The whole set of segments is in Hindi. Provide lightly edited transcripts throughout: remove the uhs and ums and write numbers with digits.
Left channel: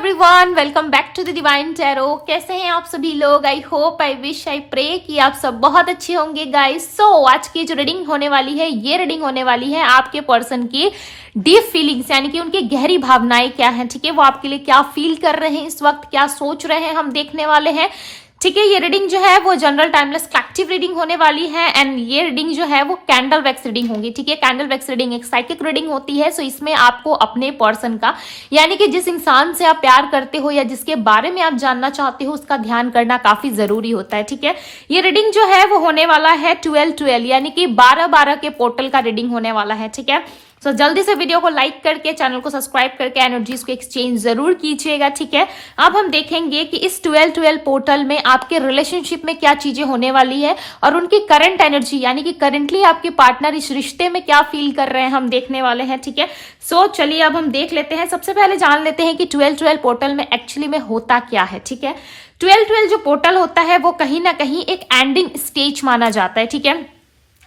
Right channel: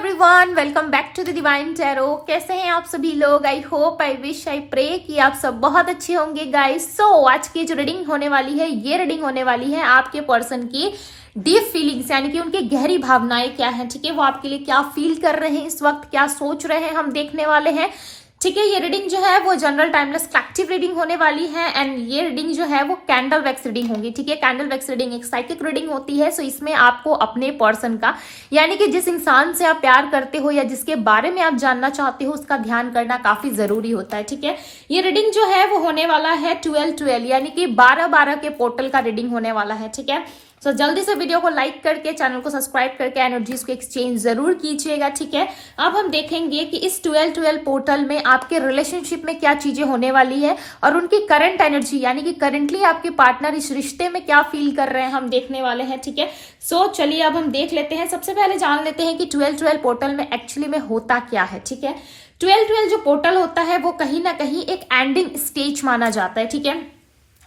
Everyone, welcome back to the divine tarot. कैसे हैं आप सभी लोग? I hope, I wish, I pray कि आप सब बहुत अच्छे होंगे गाइस। सो आज की जो रीडिंग होने वाली है, ये रीडिंग होने वाली है आपके पर्सन की डीप फीलिंग्स, यानी कि उनकी गहरी भावनाएं क्या हैं, ठीक है, वो आपके लिए क्या फील कर रहे हैं इस वक्त, क्या सोच रहे हैं, हम देखने वाले हैं। ठीक है, ये रीडिंग जो है वो जनरल टाइमलेस कलेक्टिव रीडिंग होने वाली है एंड ये रीडिंग जो है वो कैंडल वैक्स रीडिंग होगी। ठीक है, कैंडल वैक्स रीडिंग एक साइकिक रीडिंग होती है। सो इसमें आपको अपने पर्सन का, यानी कि जिस इंसान से आप प्यार करते हो या जिसके बारे में आप जानना चाहते हो, उसका ध्यान करना काफी जरूरी होता है। ठीक है, ये रीडिंग जो है वो होने वाला है 12-12, यानी कि 12-12 के पोर्टल का रीडिंग होने वाला है। ठीक है, सो जल्दी से वीडियो को लाइक करके, चैनल को सब्सक्राइब करके एनर्जीज को एक्सचेंज जरूर कीजिएगा। ठीक है, अब हम देखेंगे कि इस 12-12 पोर्टल में आपके रिलेशनशिप में क्या चीजें होने वाली है और उनकी करंट एनर्जी, यानी कि करंटली आपके पार्टनर इस रिश्ते में क्या फील कर रहे हैं, हम देखने वाले हैं। ठीक है, सो चलिए अब हम देख लेते हैं। सबसे पहले जान लेते हैं कि 12-12 पोर्टल में एक्चुअली में होता क्या है। ठीक है, 12-12 जो पोर्टल होता है वो कहीं ना कहीं एक एंडिंग स्टेज माना जाता है। ठीक है,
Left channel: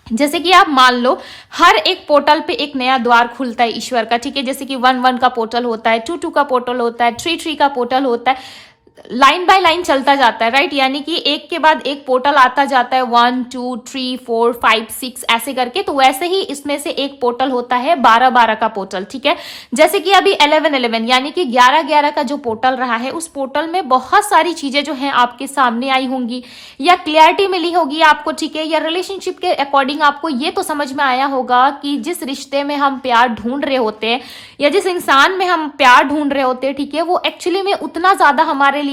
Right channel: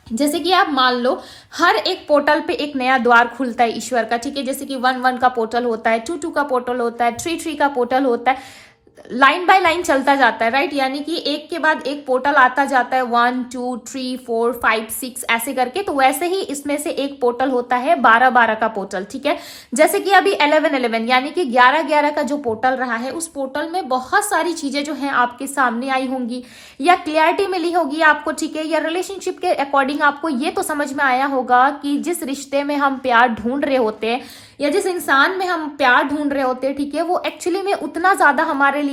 जैसे कि आप मान लो हर एक पोर्टल पे एक नया द्वार खुलता है ईश्वर का। ठीक है, जैसे कि 1-1 का पोर्टल होता है, 2-2 का पोर्टल होता है, 3-3 का पोर्टल होता है, लाइन बाय लाइन चलता जाता है, राइट। यानी कि एक के बाद एक पोर्टल आता जाता है, 1 2 3 4 5 6 ऐसे करके। तो वैसे ही इसमें से एक पोर्टल होता है 12-12 का पोर्टल। ठीक है, जैसे कि अभी 11-11 यानी कि 11-11 का जो पोर्टल रहा है, उस पोर्टल में बहुत सारी चीजें जो हैं आपके सामने आई होंगी या क्लियरिटी मिली होगी आपको। ठीक है, या रिलेशनशिप के अकॉर्डिंग आपको ये तो समझ में आया होगा कि जिस रिश्ते में हम प्यार ढूंढ रहे होते हैं या जिस इंसान में हम प्यार ढूंढ रहे होते हैं, ठीक है, वो एक्चुअली में उतना ज्यादा हमारे लिए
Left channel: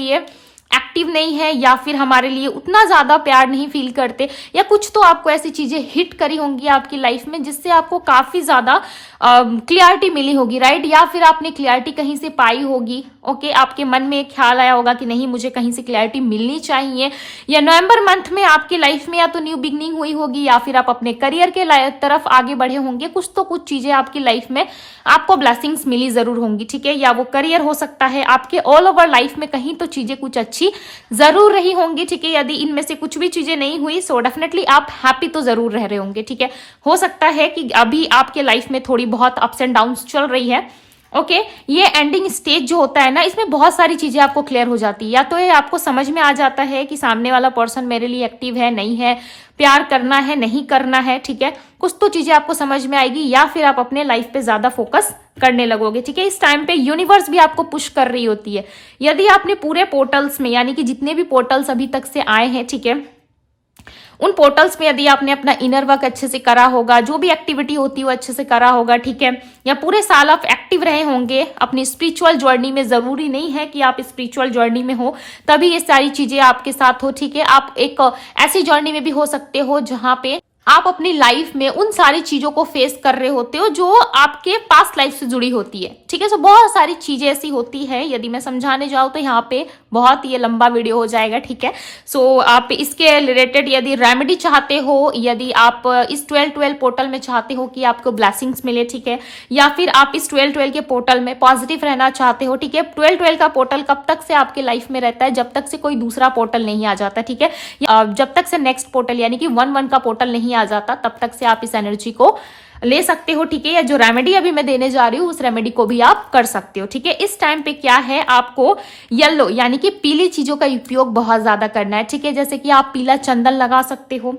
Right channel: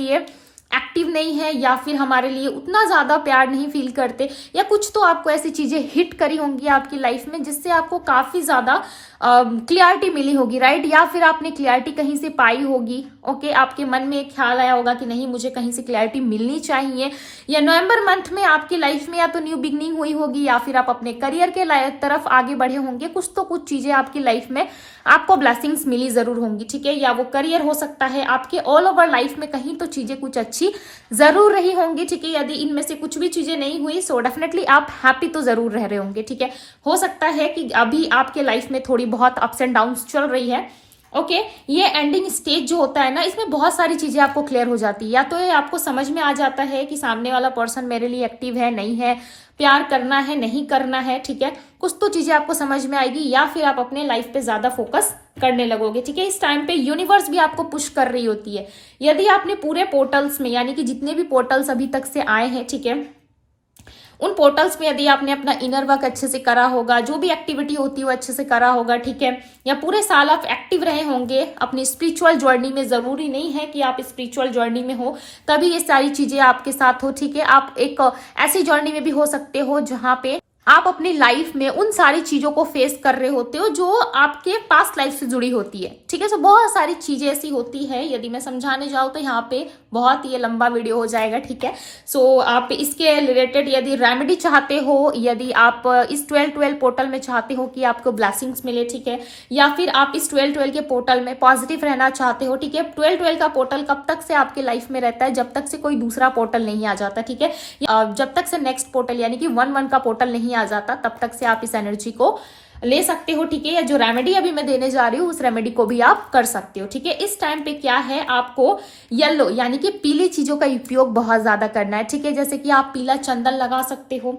एक्टिव नहीं है या फिर हमारे लिए उतना ज्यादा प्यार नहीं फील करते, या कुछ तो आपको ऐसी चीजें हिट करी होंगी आपकी लाइफ में जिससे आपको काफी ज्यादा क्लियरिटी मिली होगी, राइट। या फिर आपने क्लियरिटी कहीं से पाई होगी। ओके, आपके मन में एक ख्याल आया होगा कि नहीं, मुझे कहीं से क्लियरिटी मिलनी चाहिए। या नवंबर मंथ में आपकी लाइफ में या तो न्यू बिगनिंग हुई होगी या फिर आप अपने करियर के तरफ आगे बढ़े होंगे। कुछ तो कुछ चीजें आपकी लाइफ में आपको ब्लेसिंग्स मिली जरूर होंगी। ठीक है, या वो करियर हो सकता है, आपके ऑल ओवर लाइफ में कहीं तो चीजें कुछ अच्छी जरूर रही होंगी। ठीक है, यदि इनमें से कुछ भी चीजें नहीं हुई सो डेफिनेटली आप हैप्पी तो जरूर रह रहे होंगे। ठीक है, हो सकता है कि अभी आपके लाइफ में थोड़ी बहुत अप्स एंड डाउन्स चल रही है। ओके, ये एंडिंग स्टेज जो होता है ना, इसमें बहुत सारी चीजें आपको क्लियर हो जाती है। या तो ये आपको समझ में आ जाता है कि सामने वाला पर्सन मेरे लिए एक्टिव है नहीं है, प्यार करना है नहीं करना है। ठीक है, कुछ तो चीजें आपको समझ में आएगी, या फिर आप अपने लाइफ पे ज्यादा फोकस करने लगोगे। ठीक है, इस टाइम पे यूनिवर्स भी आपको पुश कर रही होती है। यदि आपने पूरे पोर्टल्स में, यानी कि जितने भी पोर्टल्स अभी तक से आए हैं, ठीक है, उन पोर्टल्स में यदि आपने अपना इनर वर्क अच्छे से करा होगा, जो भी एक्टिविटी होती है वो अच्छे से करा होगा, ठीक है, या पूरे साल आप एक्टिव रहे होंगे अपनी स्पिरिचुअल जर्नी में, जरूरी नहीं है कि आप स्पिरिचुअल जर्नी में हो तभी ये सारी चीजें आपके साथ हो। ठीक है, आप एक ऐसी जर्नी में भी हो सकते हो जहां पे आप अपनी लाइफ में उन सारी चीजों को फेस कर रहे होते हो जो आपके पास्ट लाइफ से जुड़ी होती है। ठीक है, सो बहुत सारी चीजें ऐसी होती है, यदि मैं समझाने जाऊँ तो यहाँ पे बहुत ये लंबा वीडियो हो जाएगा। ठीक है, सो आप इसके रिलेटेड यदि रेमेडी चाहते हो, यदि आप इस 12-12 पोर्टल में चाहते हो कि आपको ब्लेसिंग्स मिले, ठीक है, या फिर आप इस 12-12 के पोर्टल में पॉजिटिव रहना चाहते हो। ठीक है, 12-12 का पोर्टल कब तक से आपके लाइफ में रहता है? जब तक से कोई दूसरा पोर्टल नहीं आ जाता। ठीक है, जब तक से नेक्स्ट पोर्टल यानी कि 1-1 का पोर्टल नहीं आ जाता, तब तक से आप इस एनर्जी को ले सकते हो। ठीक है, या जो रेमेडी अभी मैं देने जा रही हूँ उस रेमेडी को भी आप कर सकते हो। ठीक है, इस टाइम पे क्या है, आपको येलो यानी कि पीली चीजों का उपयोग बहुत ज्यादा करना है। ठीक है, जैसे कि आप पीला चंदन लगा सकते हो।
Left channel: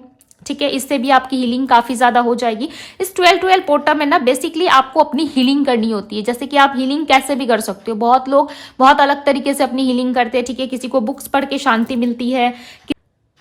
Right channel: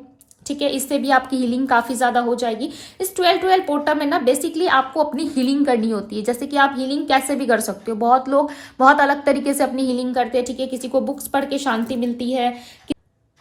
ठीक है, इससे भी आपकी हीलिंग काफी ज्यादा हो जाएगी। इस 12-12 पोर्टल में ना बेसिकली आपको अपनी हीलिंग करनी होती है। जैसे कि आप हीलिंग कैसे भी कर सकते हो, बहुत लोग बहुत अलग तरीके से अपनी हीलिंग करते हैं। ठीक है, किसी को बुक्स पढ़ के शांति मिलती है,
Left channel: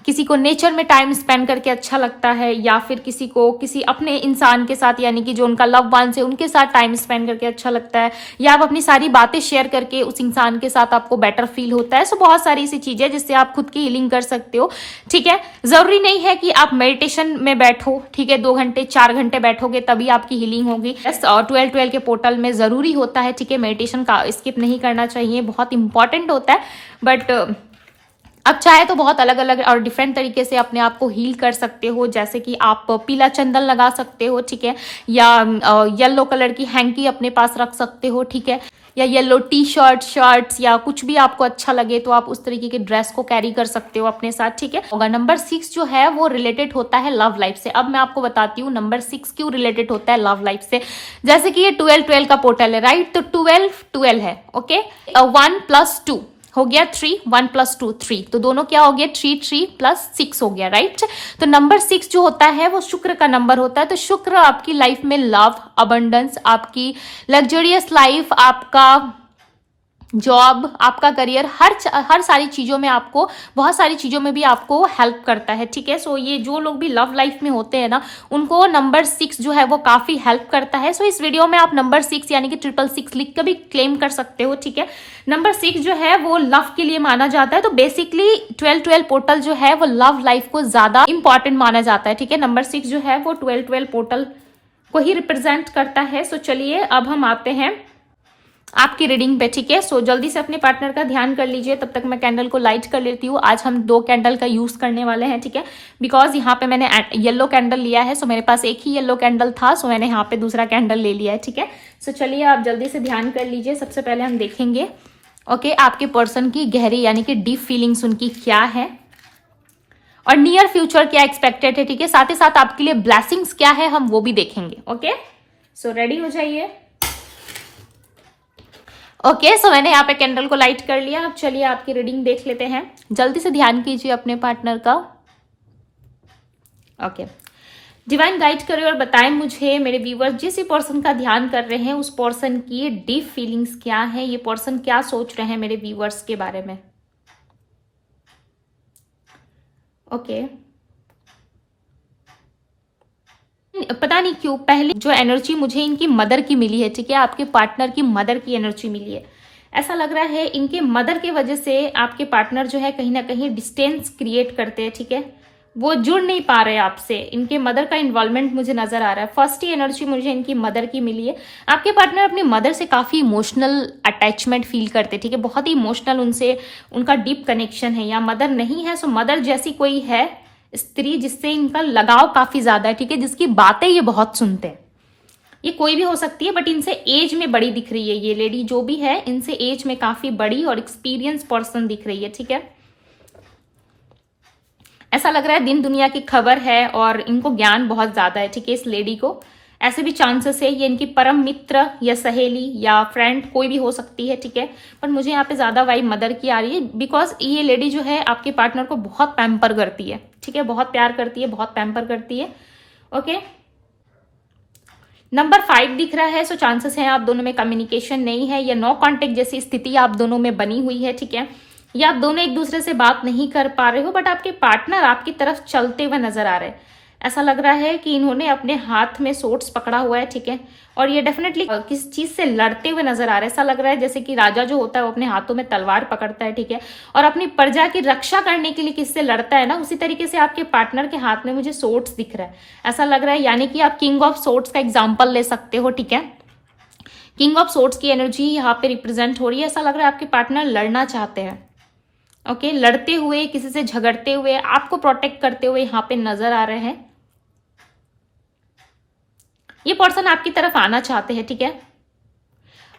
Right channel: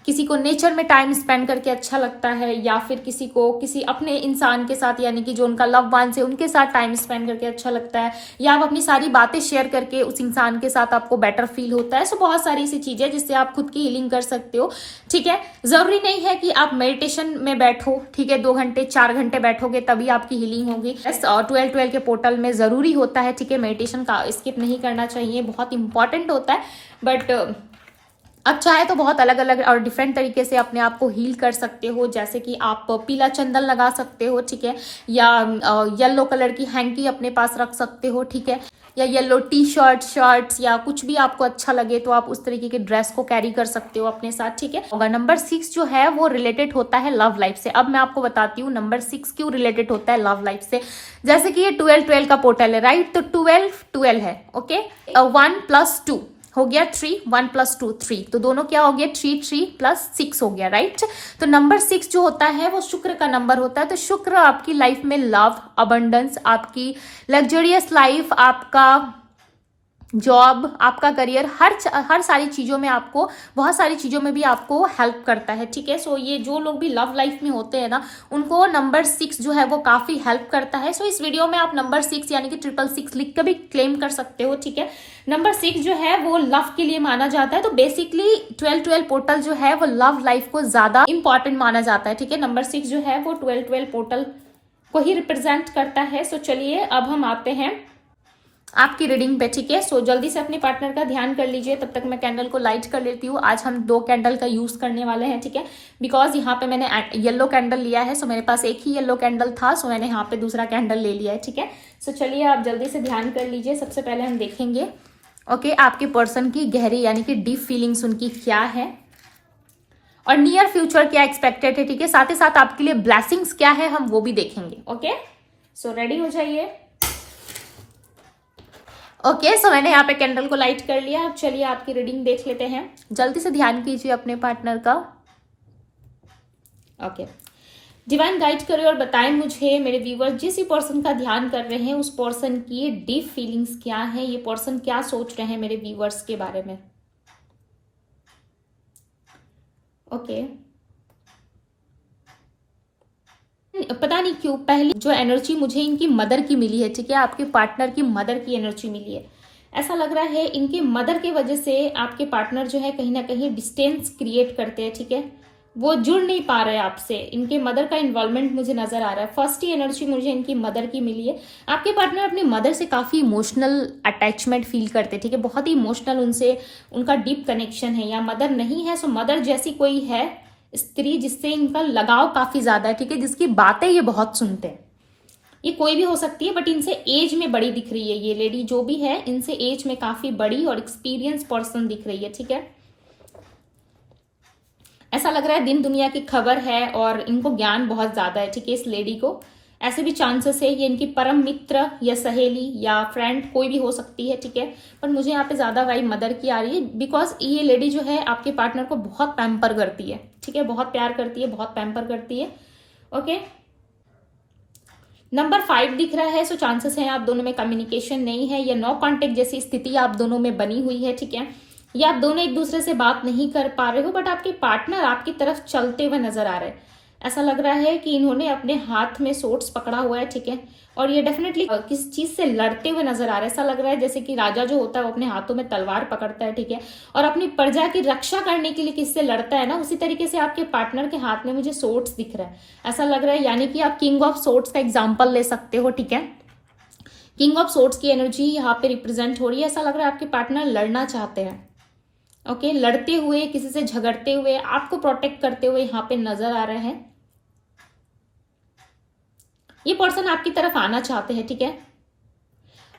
किसी को नेचर में टाइम स्पेंड करके अच्छा लगता है, या फिर किसी को किसी अपने इंसान के साथ, यानी कि जो उनका लव वंस है उनके साथ टाइम स्पेंड करके अच्छा लगता है, या आप अपनी सारी बातें शेयर करके उस इंसान के साथ आपको बेटर फील होता है। सो बहुत सारी ऐसी चीजें जिससे आप खुद की हीलिंग कर सकते हो। ठीक है, जरूरी नहीं है कि आप मेडिटेशन में बैठो। ठीक है, 2 घंटे 4 घंटे बैठोगे तभी आपकी हीलिंग होगी। 12-12 के पोर्टल में जरूरी होता है, ठीक है, मेडिटेशन का स्किप नहीं करना चाहिए, बहुत इंपॉर्टेंट होता है। बट अब चाहे तो बहुत अलग अलग और डिफरेंट तरीके से अपने आप को हील कर सकते हो। जैसे कि आप पीला चंदन लगा सकते हो, ठीक है, या येलो कलर की हैंकी अपने पास रख सकते हो। ठीक है, या येलो टी शर्ट शर्ट्स या कुछ भी आपको अच्छा लगे तो आप उस तरीके के ड्रेस को कैरी कर सकते हो अपने साथ, ठीक है। होगा नंबर 6 जो है वो रिलेटेड होता है लव लाइफ से। अब मैं आपको बताती हूँ नंबर 6 क्यों रिलेटेड होता है लव लाइफ से। जैसे कि ये 12 का पोर्टल है, राइट, तो 12 है, ओके। 1+2 हो गया 3, 1+2 3, तो दोनों क्या हो गया 3+6 हो गया, राइट। तो नंबर 6 जो होता है वो शुक्र का नंबर होता है। तो शुक्र आपकी लाइफ में लव, अबंडेंस, आपकी लग्जरियस लाइफ, आपका जॉब, आपका करियर, हर सारी चीज़ों में आपको, बहुत सारी चीज़ों में भी आपको हेल्प करता है, ठीक है। सो ये जो लोग भी लव लाइफ में होते हैं ना, उनको नंबर 6 जो है वो काफ़ी हेल्प करता है। सो इस वीडियो में आप नंबर 6 यानी कि 666 लिख कर भी क्लेम कर सकते हो, ठीक है। नंबर 6 जो है वो लव के लिए माना जाता है। तो बेसिकली 12 पोर्टल जो है वो लव लाइफ को ज़्यादा इंपॉर्टेंट माना जाता है, ठीक है। नंबर 6 जो है वो 12 पोर्टल को ही रिप्रेजेंट करता है। सो चलिए अब हम आते हैं आपकी रीडिंग पे, ठीक है। सो जल्दी से अपने पार्टनर का ध्यान कर लीजिए, तब तक मैं कैंडल को लाइट कर लेती हूँ। आज हम 2 कैंडल का यूज करने वाले हैं, ठीक है, बिकॉज यहाँ पे मैंने येलो कैंडल लिया है। सो मेरे पास एक ही येलो कैंडल था, सो मैंने यहाँ पे दूसरा कैंडल ले लिया है, ठीक है। सो चलिए आप जल्दी से ध्यान कर लीजिए। सबसे पहले हम देखेंगे ओके आपके पर्सन की गहरी यानी कि डीप फीलिंग्स उनकी क्या है और नियर फ्यूचर क्या एक्सपेक्टेड है, ठीक है। साथ ही साथ आपके लिए ब्लेसिंग्स क्या है हम वो भी देखेंगे, ओके। सो रेडी हो जाइए। ओके सो मैंने यहाँ पे कैंडल को लाइट कर लिया। अब चलिए आपकी रीडिंग देख लेते हैं। जल्दी से ध्यान कीजिए अपने पार्टनर का, ओके। डिवाइन गाइड करिए और बताएं मुझे मेरे व्यूअर्स जिस पर्सन का ध्यान कर रहे हैं उस पर्सन की डीप फीलिंग्स क्या है, ये पर्सन क्या सोच रहे हैं मेरे व्यूअर्स के बारे में, ओके। पता नहीं क्यों पहले जो एनर्जी मुझे इनकी मदर की मिली है, ठीक है, आपके पार्टनर की मदर की एनर्जी मिली है। ऐसा लग रहा है इनके मदर की वजह से आपके पार्टनर जो है कहीं ना कहीं डिस्टेंस क्रिएट करते हैं, ठीक है, वो जुड़ नहीं पा रहे आपसे। इनके मदर का इन्वॉल्वमेंट मुझे नजर आ रहा है। फर्स्ट ही एनर्जी मुझे इनकी मदर की मिली है। आपके पार्टनर अपनी मदर से काफी इमोशनल अटैचमेंट फील करते हैं, ठीक है, बहुत ही इमोशनल उनसे उनका डीप कनेक्शन है। या मदर नहीं है सो मदर जैसी कोई है स्त्री जिससे इनका लगाव काफी ज्यादा है, ठीक है, जिसकी बातें ये बहुत सुनते हैं। ये कोई भी हो सकती है बट इनसे एज में बड़ी दिख रही है ये लेडी जो भी है, इनसे एज में काफी बड़ी और एक्सपीरियंस पर्सन दिख रही है, ठीक है। ऐसा लग रहा है दिन दुनिया की खबर है और इनको ज्ञान बहुत ज्यादा है, ठीक है, इस लेडी को। ऐसे भी चांसेस है ये इनकी परम मित्र या सहेली या फ्रेंड कोई भी हो सकती है, ठीक है। पर मुझे यहाँ पे ज्यादा वाइब मदर की आ रही है बिकॉज ये लेडी जो है आपके पार्टनर को बहुत पैम्पर करती है, ठीक है, बहुत प्यार करती है, बहुत पैम्पर करती है, ओके। नंबर 5 दिख रहा है। सो चांसेस है आप दोनों में कम्युनिकेशन नहीं है या नो कांटेक्ट जैसी स्थिति आप दोनों में बनी हुई है, ठीक है, या आप दोनों एक दूसरे से बात नहीं कर पा रहे हो बट आपके पार्टनर आपकी तरफ चलते हुए नजर आ रहे हैं। ऐसा लग रहा है कि इन्होंने अपने हाथ में सोर्ड्स पकड़ा हुआ है, ठीक है, और ये डेफिनेटली किस चीज से लड़ते हुए नजर आ रहे हैं। ऐसा लग रहा है जैसे कि राजा जो होता है वो अपने हाथों में तलवार पकड़ता है, ठीक है, और अपनी प्रजा की रक्षा करने के लिए किससे लड़ता है ना, उसी तरीके से आपके पार्टनर के हाथ में मुझे सोर्ड्स दिख रहा है। ऐसा लग रहा है यानी कि आप किंग ऑफ सोर्ड्स का एग्जाम्पल ले सकते हो, ठीक है। किंग ऑफ सोर्ड्स की एनर्जी यहाँ पे रिप्रेजेंट हो रही है। ऐसा लग रहा है आपके पार्टनर लड़ना चाहते हैं, ओके, लड़ते हुए, किसी से झगड़ते हुए, आपको प्रोटेक्ट करते हुए यहाँ पे नजर आ रहे हैं। ये पर्सन आपकी तरफ आना चाहते हैं, ठीक है,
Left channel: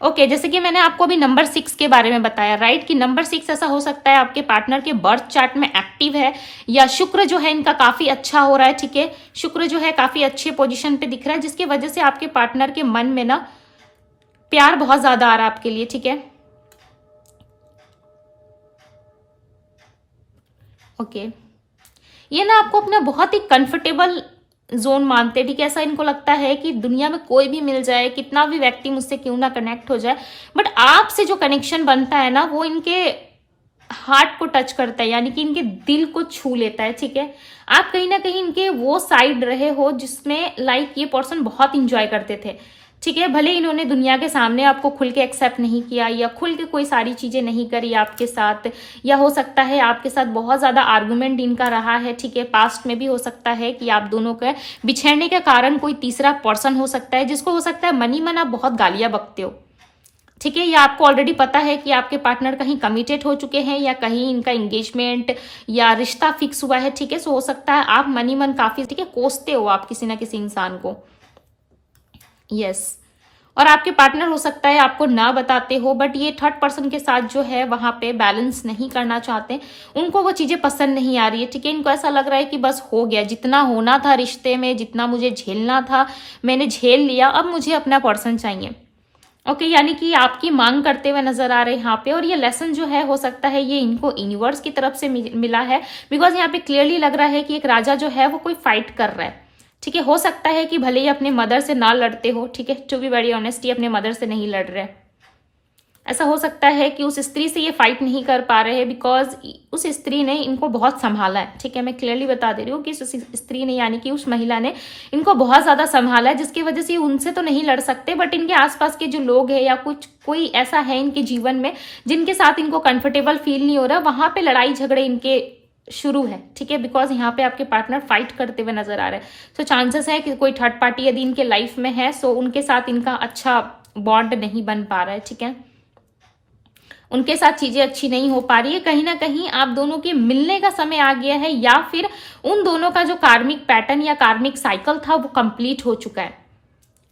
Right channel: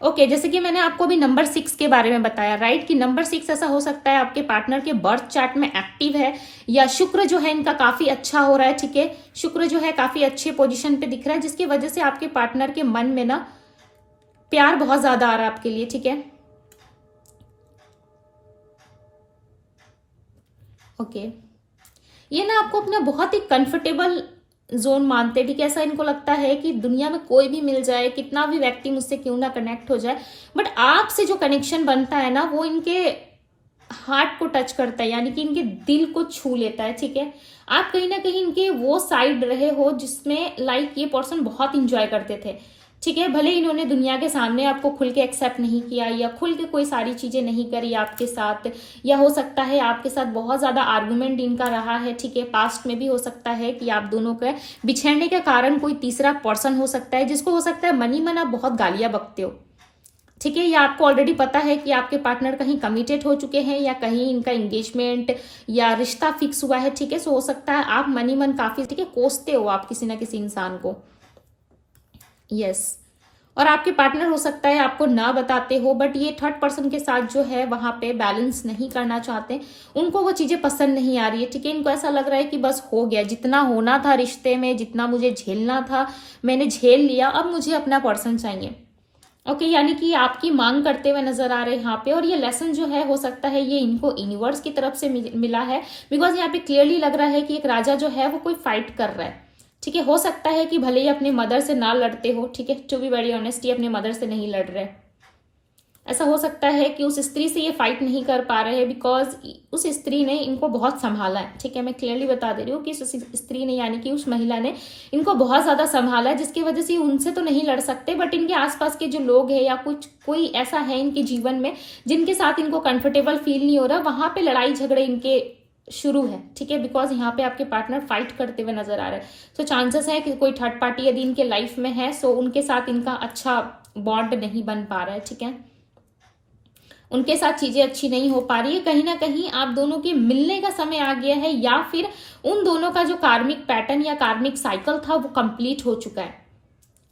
ओके। जैसे कि मैंने आपको अभी नंबर 6 के बारे में बताया, राइट, कि नंबर 6 ऐसा हो सकता है आपके पार्टनर के बर्थ चार्ट में एक्टिव है या शुक्र जो है इनका काफी अच्छा हो रहा है, ठीक है, शुक्र जो है काफी अच्छे पोजीशन पे दिख रहा है जिसकी वजह से आपके पार्टनर के मन में ना प्यार बहुत ज्यादा आ रहा है आपके लिए, ठीक है, ओके। ये ना आपको अपना बहुत ही कंफर्टेबल जोन मानते हैं, ठीक है। ऐसा इनको लगता है कि दुनिया में कोई भी मिल जाए, कितना भी व्यक्ति मुझसे क्यों ना कनेक्ट हो जाए, बट आपसे जो कनेक्शन बनता है ना वो इनके हार्ट को टच करता है, यानी कि इनके दिल को छू लेता है, ठीक है। आप कहीं ना कहीं इनके वो साइड रहे हो जिसमें लाइक ये पर्सन बहुत इंजॉय करते थे, ठीक है। भले इन्होंने दुनिया के सामने आपको खुल के एक्सेप्ट नहीं किया या खुल के कोई सारी चीजें नहीं करी आपके साथ, या हो सकता है आपके साथ बहुत ज्यादा आर्गुमेंट इनका रहा है, ठीक है। पास्ट में भी हो सकता है कि आप दोनों के बिछड़ने के कारण कोई तीसरा पर्सन हो सकता है जिसको हो सकता है मनी मन आप बहुत गालियां बकते हो, ठीक है, या आपको ऑलरेडी पता है कि आपके पार्टनर कहीं कमिटेड हो चुके हैं या कहीं इनका एंगेजमेंट या रिश्ता फिक्स हुआ है, ठीक है। सो हो सकता है आप मनी मन काफी, ठीक है, कोसते हो आप किसी ना किसी इंसान को, यस, और आपके पार्टनर हो सकता है आपको ना बताते हो, बट ये थर्ड पर्सन के साथ जो है वहां पे बैलेंस नहीं करना चाहते, उनको वो चीजें पसंद नहीं आ रही है, ठीक है। इनको ऐसा लग रहा है कि बस हो गया, जितना होना था रिश्ते में, जितना मुझे झेलना था मैंने झेल लिया, अब मुझे अपना पर्सन चाहिए। ओके, यानी कि आपकी मांग करते हुए नजर आ रहे हैं यहाँ पे। और ये लेसन जो है हो सकता है ये इनको यूनिवर्स की तरफ से मिला है, बिकॉज यहाँ पे क्लियरली लग रहा है कि एक राजा जो है वो कोई फाइट कर रहा है, ठीक है। हो सकता है कि भले ही अपने मदर से ना लड़ते हो, ठीक है, टू बी वेरी ऑनेस्ट, ये अपने मदर से नहीं लड़ रहे। ऐसा हो सकता है कि उस स्त्री से ये फाइट नहीं कर पा रहे हैं बिकॉज उस स्त्री ने इनको बहुत संभाला है, ठीक है। मैं क्लियरली बता दे रही हूँ कि उस स्त्री ने यानी कि उस महिला ने इनको बहुत ज्यादा संभाला है, जिसकी वजह से उनसे तो नहीं लड़ सकते, बट इनके आसपास के जो लोग हैं या कुछ कोई ऐसा है इनके जीवन में जिनके साथ इनको कंफर्टेबल फील नहीं हो रहा, वहां पे लड़ाई झगड़े इनके शुरू है, ठीक है। बिकॉज यहाँ पे आपके पार्टनर फाइट करते हुए नजर आ रहे हैं। सो चांसेस है कि कोई थर्ड पार्टी यदि इनके लाइफ में है, सो उनके साथ इनका अच्छा बॉन्ड नहीं बन पा रहा है, ठीक है। उनके साथ चीजें अच्छी नहीं हो पा रही है, कहीं ना कहीं आप दोनों के मिलने का समय आ गया है, या फिर उन दोनों का जो कार्मिक पैटर्न या कार्मिक साइकिल था वो कंप्लीट हो चुका है,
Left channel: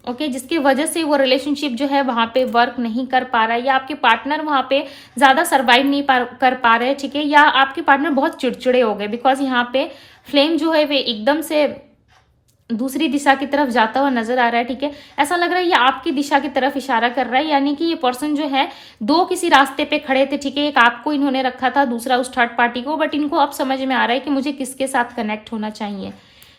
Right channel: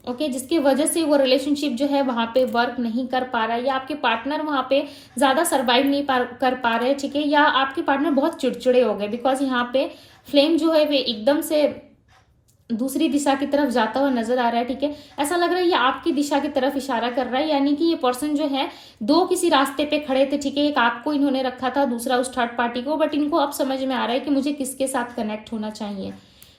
ओके, जिसकी वजह से वो रिलेशनशिप जो है वहां पे वर्क नहीं कर पा रहा है, या आपके पार्टनर वहां पे ज्यादा सर्वाइव नहीं कर पा रहे, ठीक है, या आपके पार्टनर बहुत चिड़चिड़े हो गए, बिकॉज यहाँ पे फ्लेम जो है वे एकदम से दूसरी दिशा की तरफ जाता हुआ नजर आ रहा है, ठीक है। ऐसा लग रहा है ये आपकी दिशा की तरफ इशारा कर रहा है, यानी कि ये पर्सन जो है दो किसी रास्ते पे खड़े थे, ठीक है। एक आपको इन्होंने रखा था, दूसरा उस थर्ड पार्टी को, बट इनको अब समझ में आ रहा है कि मुझे किसके साथ कनेक्ट होना चाहिए।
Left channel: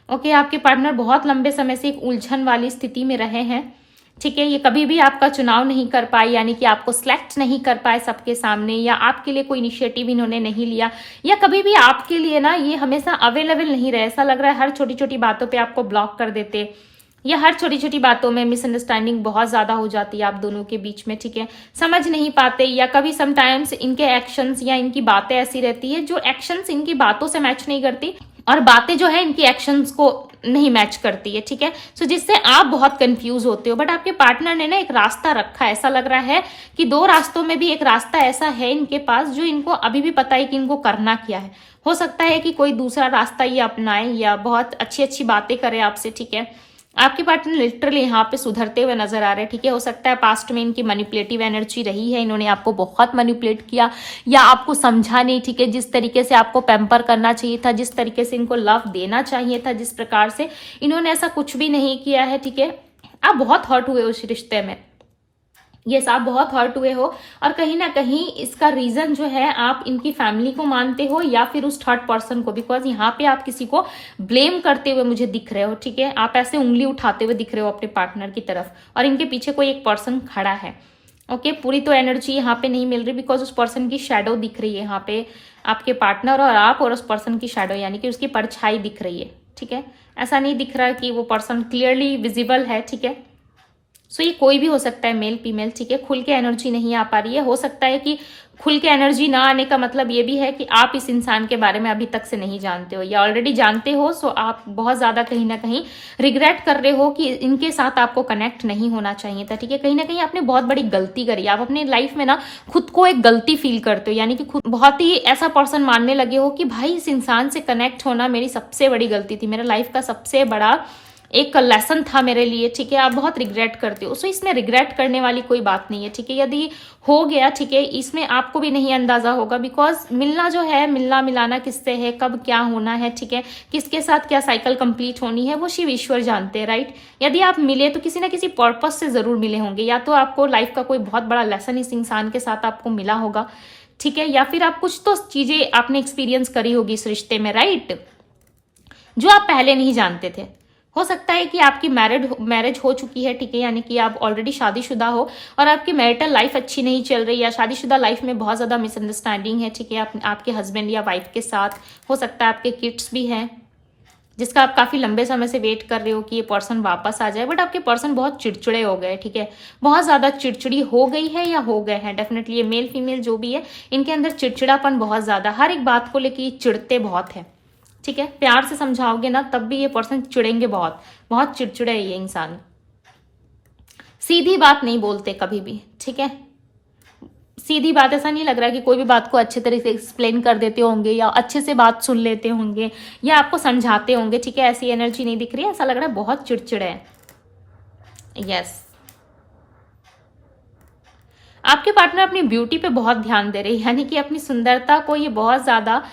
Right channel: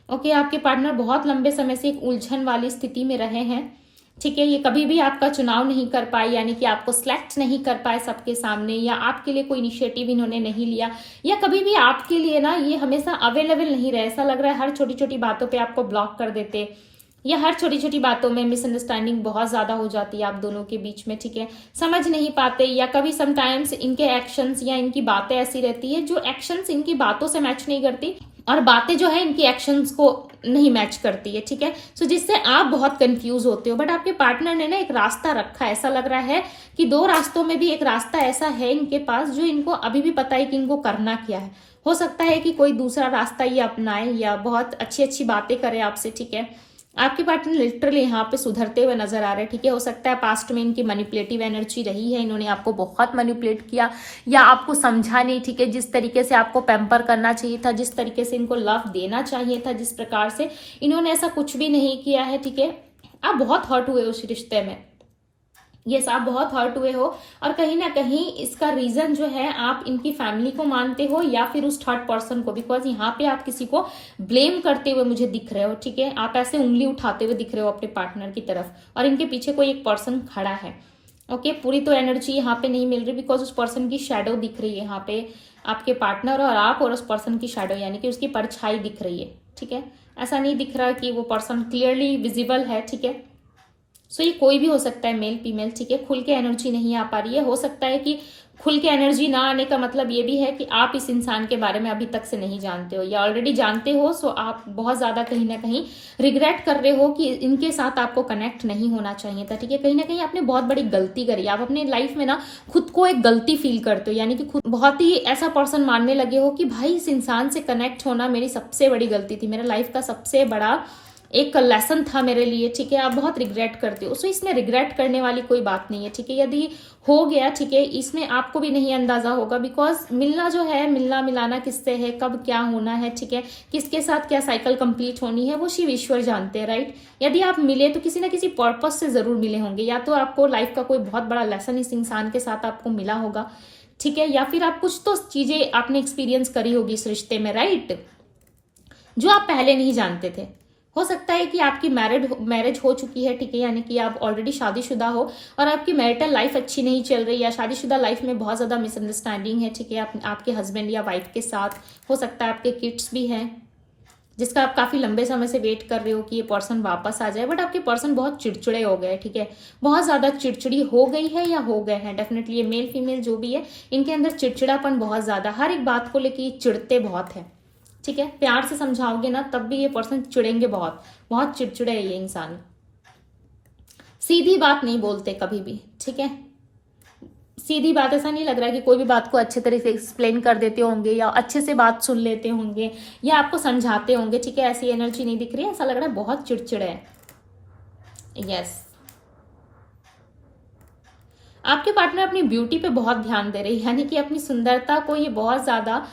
ओके, आपके पार्टनर बहुत लंबे समय से एक उलझन वाली स्थिति में रहे हैं, ठीक है। ये कभी भी आपका चुनाव नहीं कर पाए, यानी कि आपको सिलेक्ट नहीं कर पाए सबके सामने, या आपके लिए कोई इनिशिएटिव इन्होंने नहीं लिया, या कभी भी आपके लिए ना ये हमेशा अवेलेबल नहीं रहे। ऐसा लग रहा है हर छोटी छोटी बातों पे आपको ब्लॉक कर देते, या हर छोटी छोटी बातों में मिसअंडरस्टैंडिंग बहुत ज्यादा हो जाती है आप दोनों के बीच में, ठीक है। समझ नहीं पाते, या कभी समटाइम्स इनके एक्शंस या इनकी बातें ऐसी रहती है जो एक्शंस इनकी बातों से मैच नहीं करती, और बातें जो है इनकी एक्शंस को नहीं मैच करती है, ठीक है। सो जिससे आप बहुत कंफ्यूज होते हो, बट आपके पार्टनर ने ना एक रास्ता रखा है। ऐसा लग रहा है कि दो रास्तों में भी एक रास्ता ऐसा है इनके पास जो इनको अभी भी पता है कि इनको करना क्या है। हो सकता है कि कोई दूसरा रास्ता ये अपनाए, या बहुत अच्छी अच्छी बातें करे आपसे, ठीक है। आपके पार्टनर लिटरली यहाँ पे सुधरते हुए नजर आ रहे हैं, ठीक है। हो सकता है पास्ट में इनकी मैनिपुलेटिव एनर्जी रही है, इन्होंने आपको बहुत मैनिपुलेट किया, या आपको समझा नहीं, ठीक है। जिस तरीके से आपको पैम्पर करना चाहिए था, जिस तरीके से इनको लव देना चाहिए था, जिस प्रकार से इन्होंने ऐसा कुछ भी नहीं किया है, ठीक है। आप बहुत हर्ट हुए उस रिश्ते में, यस, आप बहुत हर्ट हुए हो, और कहीं ना कहीं इसका रीजन जो है आप इनकी फैमिली को मानते हो, या फिर उस थर्ड पर्सन को, बिकॉज यहाँ पे आप किसी को ब्लेम करते हुए मुझे दिख रहे हो, ठीक है। आप ऐसे उंगली उठाते हुए दिख रहे हो अपने पार्टनर की तरफ, और इनके पीछे कोई एक पर्सन खड़ा है, ओके। पूरी तो एनर्जी यहाँ पे नहीं मिल रही, बिकॉज उस पर्सन की शेडो दिख रही है यहाँ पे, आपके पार्टनर और आप और उस पर्सन की शेडो, यानी कि उसकी परछाई दिख रही है, ठीक है। ऐसा नहीं दिख रहा कि वो पर्सन क्लियरली विजिबल है, ठीक है। सो ये कोई भी हो सकता है, मेल फीमेल, ठीक है। खुल के एनर्जी नहीं आ पा रही है। हो सकता है कि खुल के एनर्जी ना आने का मतलब ये भी है कि आप इस इंसान के बारे में अभी तक से नहीं जानते हो, या ऑलरेडी जानते हो, सो आप बहुत ज्यादा कहीं ना कहीं रिग्रेट कर रहे हो कि इनके साथ आपको कनेक्ट नहीं होना चाहिए था, ठीक है। कहीं ना कहीं आपने बहुत बड़ी गलती करी, आप अपने लाइफ में ना खुद को एक गलती फील करते हो, यानी कि खुद बहुत ही ऐसा पर्सन मानने लगे हो कि भाई इस इंसान से कनेक्ट होना मेरी सबसे बड़ी गलती थी, मेरे लाइफ का सबसे बड़ा एक लेसन था मेरे लिए, ठीक है। आप बहुत रिग्रेट करते हो, सो इसमें रिग्रेट करने वाली कोई बात नहीं है, ठीक है। यदि हो गया, ठीक है, इसमें आपको भी नहीं अंदाजा होगा, बिकॉज मिलना जो है, मिलना मिलाना किससे है, कब क्या होना है, ठीक है, किसके साथ क्या साइकिल कंप्लीट होनी है, वो शिव ईश्वर जानते हैं, राइट। यदि आप मिले तो किसी ना किसी पर्पस से जरूर मिले होंगे, या तो आपको लाइफ का कोई बहुत बड़ा लेसन इस इंसान के साथ आपको मिला होगा, ठीक है, या फिर आप कुछ तो चीजें आपने एक्सपीरियंस करी होगी इस रिश्ते में, राइट, जो आप पहले नहीं जानते थे। हो सकता है कि आपकी मैरिज हो चुकी है, ठीक है, यानी कि आप ऑलरेडी शादीशुदा हो और आपकी मैरिटल लाइफ अच्छी नहीं चल रही, या शादीशुदा लाइफ में बहुत ज़्यादा मिसअंडरस्टैंडिंग है, ठीक है, आपके हस्बैंड या वाइफ के साथ। हो सकता है आपके किड्स भी हैं, जिसका आप काफ़ी लंबे समय से वेट कर रहे हो कि ये पर्सन वापस आ जाए, बट आपके पर्सन बहुत चिड़चिड़े हो गए, ठीक है, बहुत ज़्यादा चिड़चिड़ी हो गई है या हो गए हैं। डेफिनेटली ये मेल फीमेल जो भी है, इनके अंदर चिड़चिड़ापन बहुत ज़्यादा, हर एक बात को लेकर चिड़ते बहुत है, ठीक है। प्यार से समझाओगे ना तब भी ये पर्सन चिड़ेंगे, बहुत बहुत चिड़चिड़े है ये इंसान, सीधी बात नहीं बोलते कभी भी, ठीक है। सीधी बात, ऐसा नहीं लग रहा कि कोई भी बात को अच्छे तरीके से एक्सप्लेन कर देते होंगे, या अच्छे से बात सुन लेते होंगे, या आपको समझाते होंगे, ठीक है। ऐसी एनर्जी नहीं दिख रही है, ऐसा लग रहा है बहुत चिड़चिड़े है, यस। आपके पार्टनर अपनी ब्यूटी पे बहुत ध्यान दे रहे हैं, यानी कि अपनी सुंदरता को ये बहुत ज़्यादा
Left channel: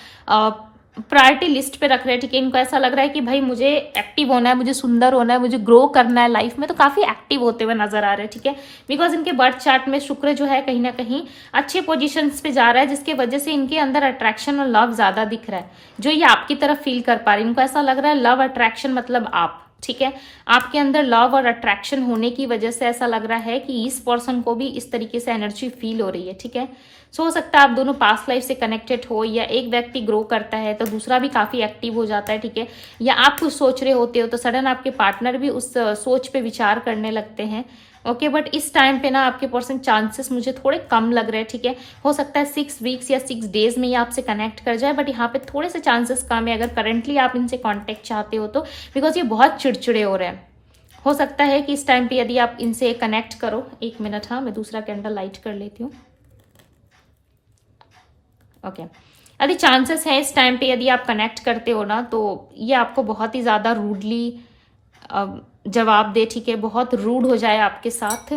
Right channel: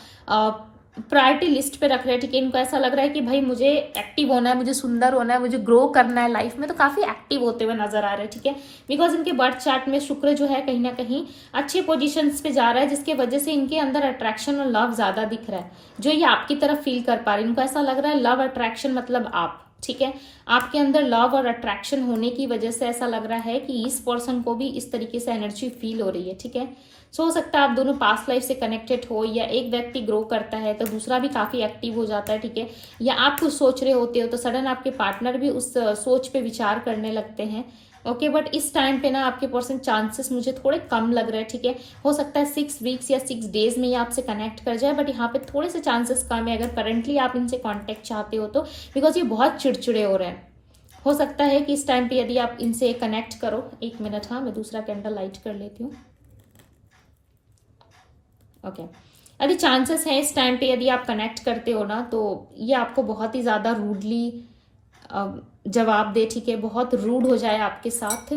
प्रायोरिटी लिस्ट पे रख रहे हैं। ठीक है, इनको ऐसा लग रहा है कि भाई मुझे एक्टिव होना है, मुझे सुंदर होना है, मुझे ग्रो करना है लाइफ में, तो काफ़ी एक्टिव होते हुए नजर आ रहे हैं। ठीक है, बिकॉज इनके बर्थ चार्ट में शुक्र जो है कहीं ना कहीं अच्छे पोजीशंस पे जा रहा है, जिसके वजह से इनके अंदर अट्रैक्शन और लव ज़्यादा दिख रहा है, जो ये आपकी तरफ फील कर पा रहे हैं। इनको ऐसा लग रहा है लव अट्रैक्शन मतलब आप। ठीक है, आपके अंदर लव और अट्रैक्शन होने की वजह से ऐसा लग रहा है कि इस पर्सन को भी इस तरीके से एनर्जी फील हो रही है। ठीक है, सो हो सकता है आप दोनों पास्ट लाइफ से कनेक्टेड हो, या एक व्यक्ति ग्रो करता है तो दूसरा भी काफी एक्टिव हो जाता है। ठीक है, या आप कुछ सोच रहे होते हो तो सडन आपके पार्टनर भी उस सोच पे विचार करने लगते हैं। ओके, बट इस टाइम पे ना आपके पर्सन चांसेस मुझे थोड़े कम लग रहे हैं। ठीक है, हो सकता है 6 वीक्स या 6 डेज में ये आपसे कनेक्ट कर जाए, बट यहाँ पे थोड़े से चांसेस कम है अगर करंटली आप इनसे कॉन्टेक्ट चाहते हो तो, बिकॉज ये बहुत चिड़चिड़े हो रहे हैं। हो सकता है कि इस टाइम पे यदि आप इनसे कनेक्ट करो, 1 मिनट, हाँ मैं दूसरा कैंडल लाइट कर लेती हूँ। ओके, यदि चांसेस है इस टाइम पे यदि आप कनेक्ट करते हो ना, तो ये आपको बहुत ही ज़्यादा रूडली जवाब दे। ठीक है, बहुत रूड हो जाए आपके साथ,